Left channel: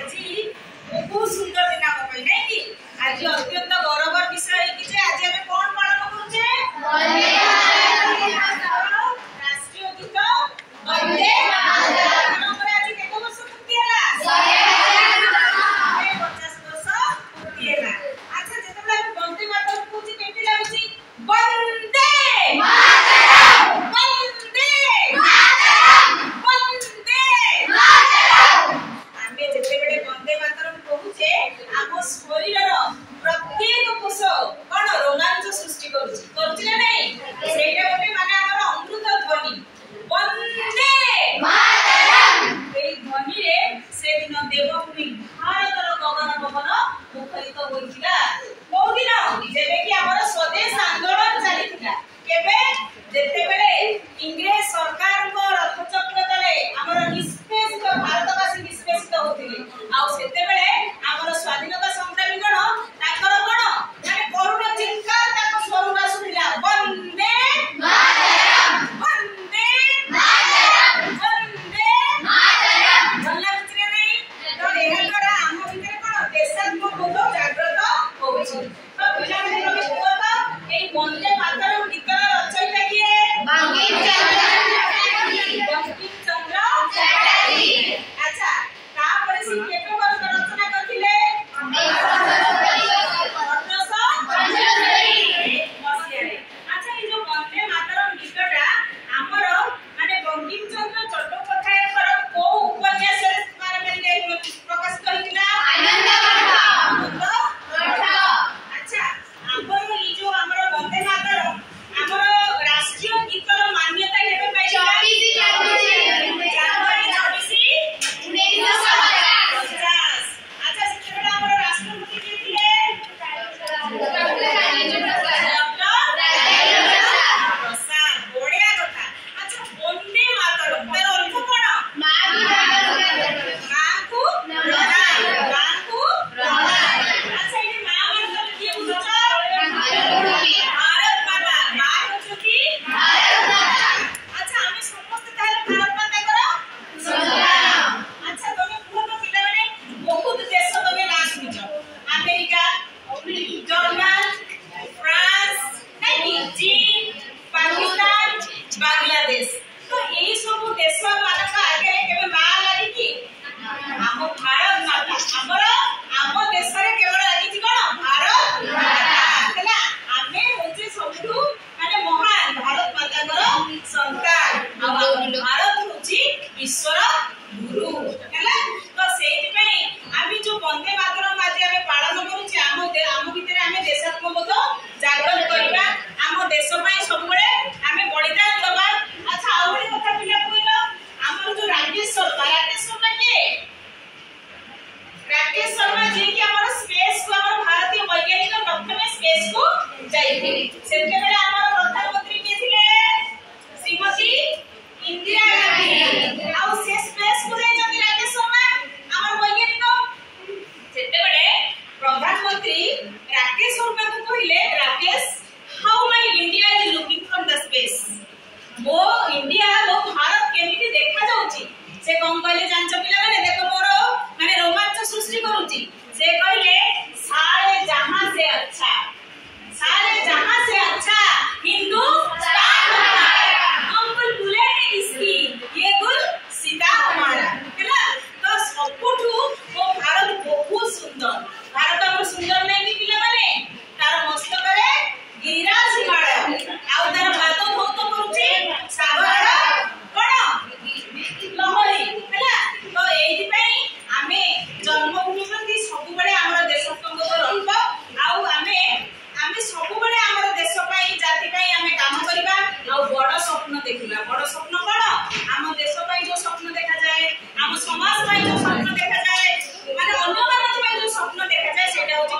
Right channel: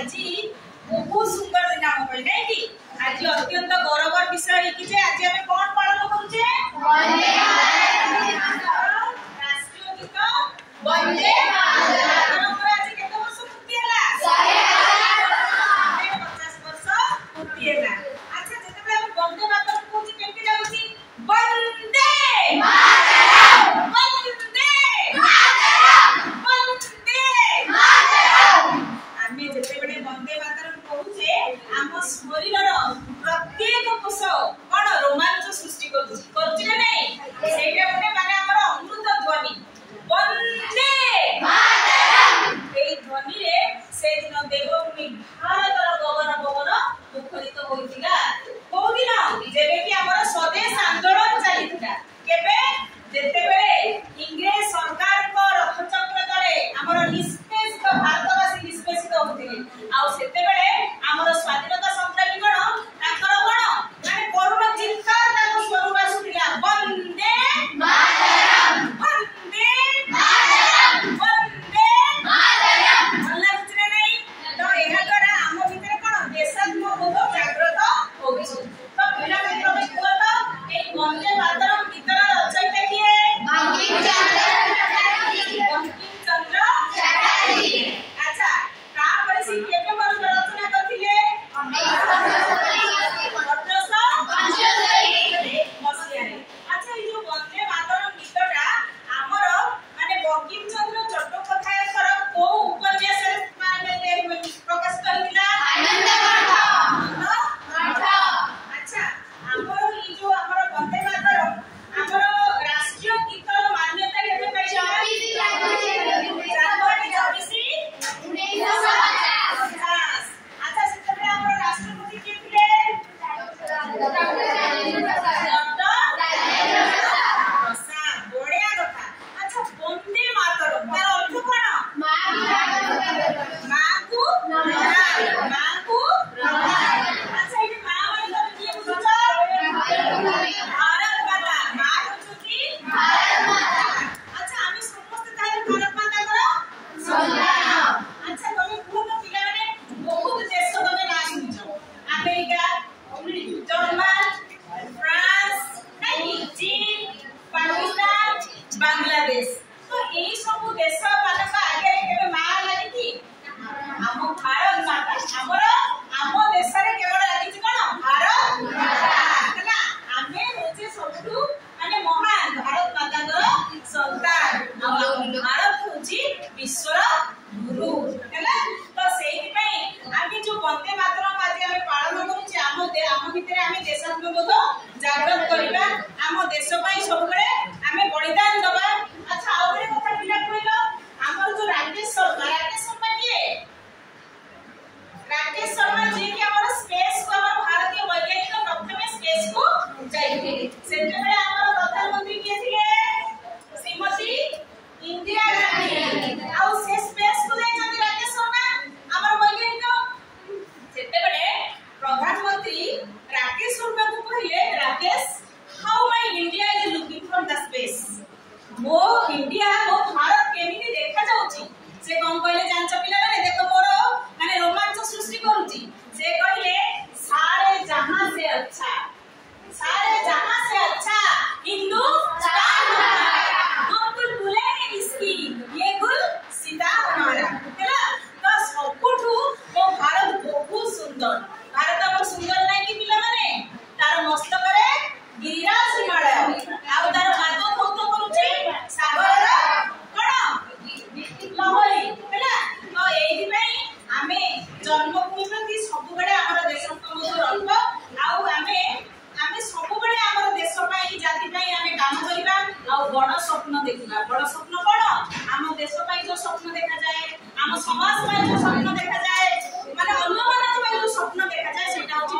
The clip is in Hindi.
आज बहुत सुंदर दिन आम नहीं कि आज अत्यंत गौरव विषय है कि आज आम कौन पालन करुचे राष्ट्रीय गीत वंदे मातरम। आज केते वर्ष पूर्ति हला 50 वर्ष पूर्ति हला। अच्छा जेते हम वंदे मातरम कहूची केते लागुची वंदे मातरम वंदे मातरम वंदे मातरम। आमे जेते बेले वंदे मातरम कहूचे आम शरीर प्रत्येक कोष कौन रोमांच सृष्टि करुची ना नहीं सेटा गोटे माने हमर अमृत ध्वनि वंदे मातरम। एई ध्वनि रे से दिन देवभूमि भारतर गगन पवन मुखरित होइतिला को दिन जेबे कि हमर स्वदेश आंदोलन चलितिला केबे जेते बेले इंग्रेज सरकार को रथचक्र तले हमर निष्पेषित भारतवासी निष्पेषित होतिले आ सेते बेले हमर स्वाधीनता संग्रामी गण ताकर गण माने करुणा चिंता ताको स्वरूप आसुतिला वंदे मातरम वंदे मातरम वंदे मातरम। भल्ला किछरे नै तो एहा द्वारा हम भितरे कोन देशात्मबोध जागृत होउछि। तो पिला माने रमेश कुआ एई वंदे मातरम गीतर रचयिता किए बंकिम चंद्र चटर्जी। अच्छा तापर से केते वर्ष रचना करथिले 1875 मसियारे। अच्छा ई जो वंदे मातरम गीतटा हमर माने बंकिम चंद्र चट्टोपाध्यायकर को उपन्यास रे माने प्रकाश कहिला आनंद मठ। अच्छा हमर ई जो हमर वंदे मातरम हमर राष्ट्रीय गीतर मान्यता केबे पाइला 24 जनवरी 1950। अच्छा सेते हमर राष्ट्रपति के थिले डॉक्टर राजेंद्र प्रसाद। बढ़िया कथा। अच्छा वंदे मातरम तार अर्थ कोन मां को प्रणाम मां को प्रणाम। अच्छा ई मां मान तमे किए बुझछ भारत माता मां होछकी भारत माता। अच्छा आमे समस्त तार भारत माता करो सलाम। अच्छा तमे पूर्ण पिला माने बहुत देश तमे ना सुनिछ अमेरिका जर्मन फ्रांस नहीं चीन पाकिस्तान बांग्लादेश। तो एई सब देश मानक आगे केबे मां लागि कि हम भारत माता हमर हम देश रे केवल लागि कोन भारत माता हला आमे होचे सबटू माने महान भारत माता कर संतान आ भारत होची विश्वर गुरु हला। तो सेहि पई आमी जो वंदे मातरम आज आमे पालन करूची आम भितरे आमे देशात्मबोध जागृत करबा आम देश पई सब बेले आमे बलिदान दबा। अच्छा आ ओरे कथा पिला कहिलो हमर जो राकेश शर्मा के राकेश शर्मा जी के हमर स्पेस को हमर भारतीय वैज्ञानिक डॉक्टर में स्पेस को जाइथिले सेते बेले हमर प्रधानमंत्री के थिले श्रीमती इंदिरा गांधी आ से स्पेस को जाइछथि राकेश शर्मा हमर वैज्ञानिक। सेते बेले प्रधानमंत्री राकेश शर्मा को कहिले Rakesh how my India is looking from the space मो इंडिया मो भारत केमिति देखा जाउची से कोन कहले जानछ पिला माने देखो मोर माने रोमांच सृष्टि करूची से कहले सारे जहां से अच्छा हिंदुस्तान हमारा हम बुलबुले हैं इसकी ये गुल सीता हमारा हैला। तो सबुठू मो भारत बहुत सुंदर भारत हमर सुंदर नै कि पिला माने तार मस्तक रे गिरिराज हिमालय आ तार पाद धौत करूची सागर कोन लहरी हैला। तो एही पई आमे जन्मभूमि प्रति सब बेले हमर देशत्वबोध रखब आ आमे सब बेले हमर देश पई जाति पई आमे काम करबा आ बड़ स्वप्न देखिबा। बड़ स्वप्न कोन हम देश पई जो स्वप्न देखा जाए हम समाज पई जो स्वप्न देखा जाए माने अन्य मानक पई जो स्वप्न देखा जाए सेटा होची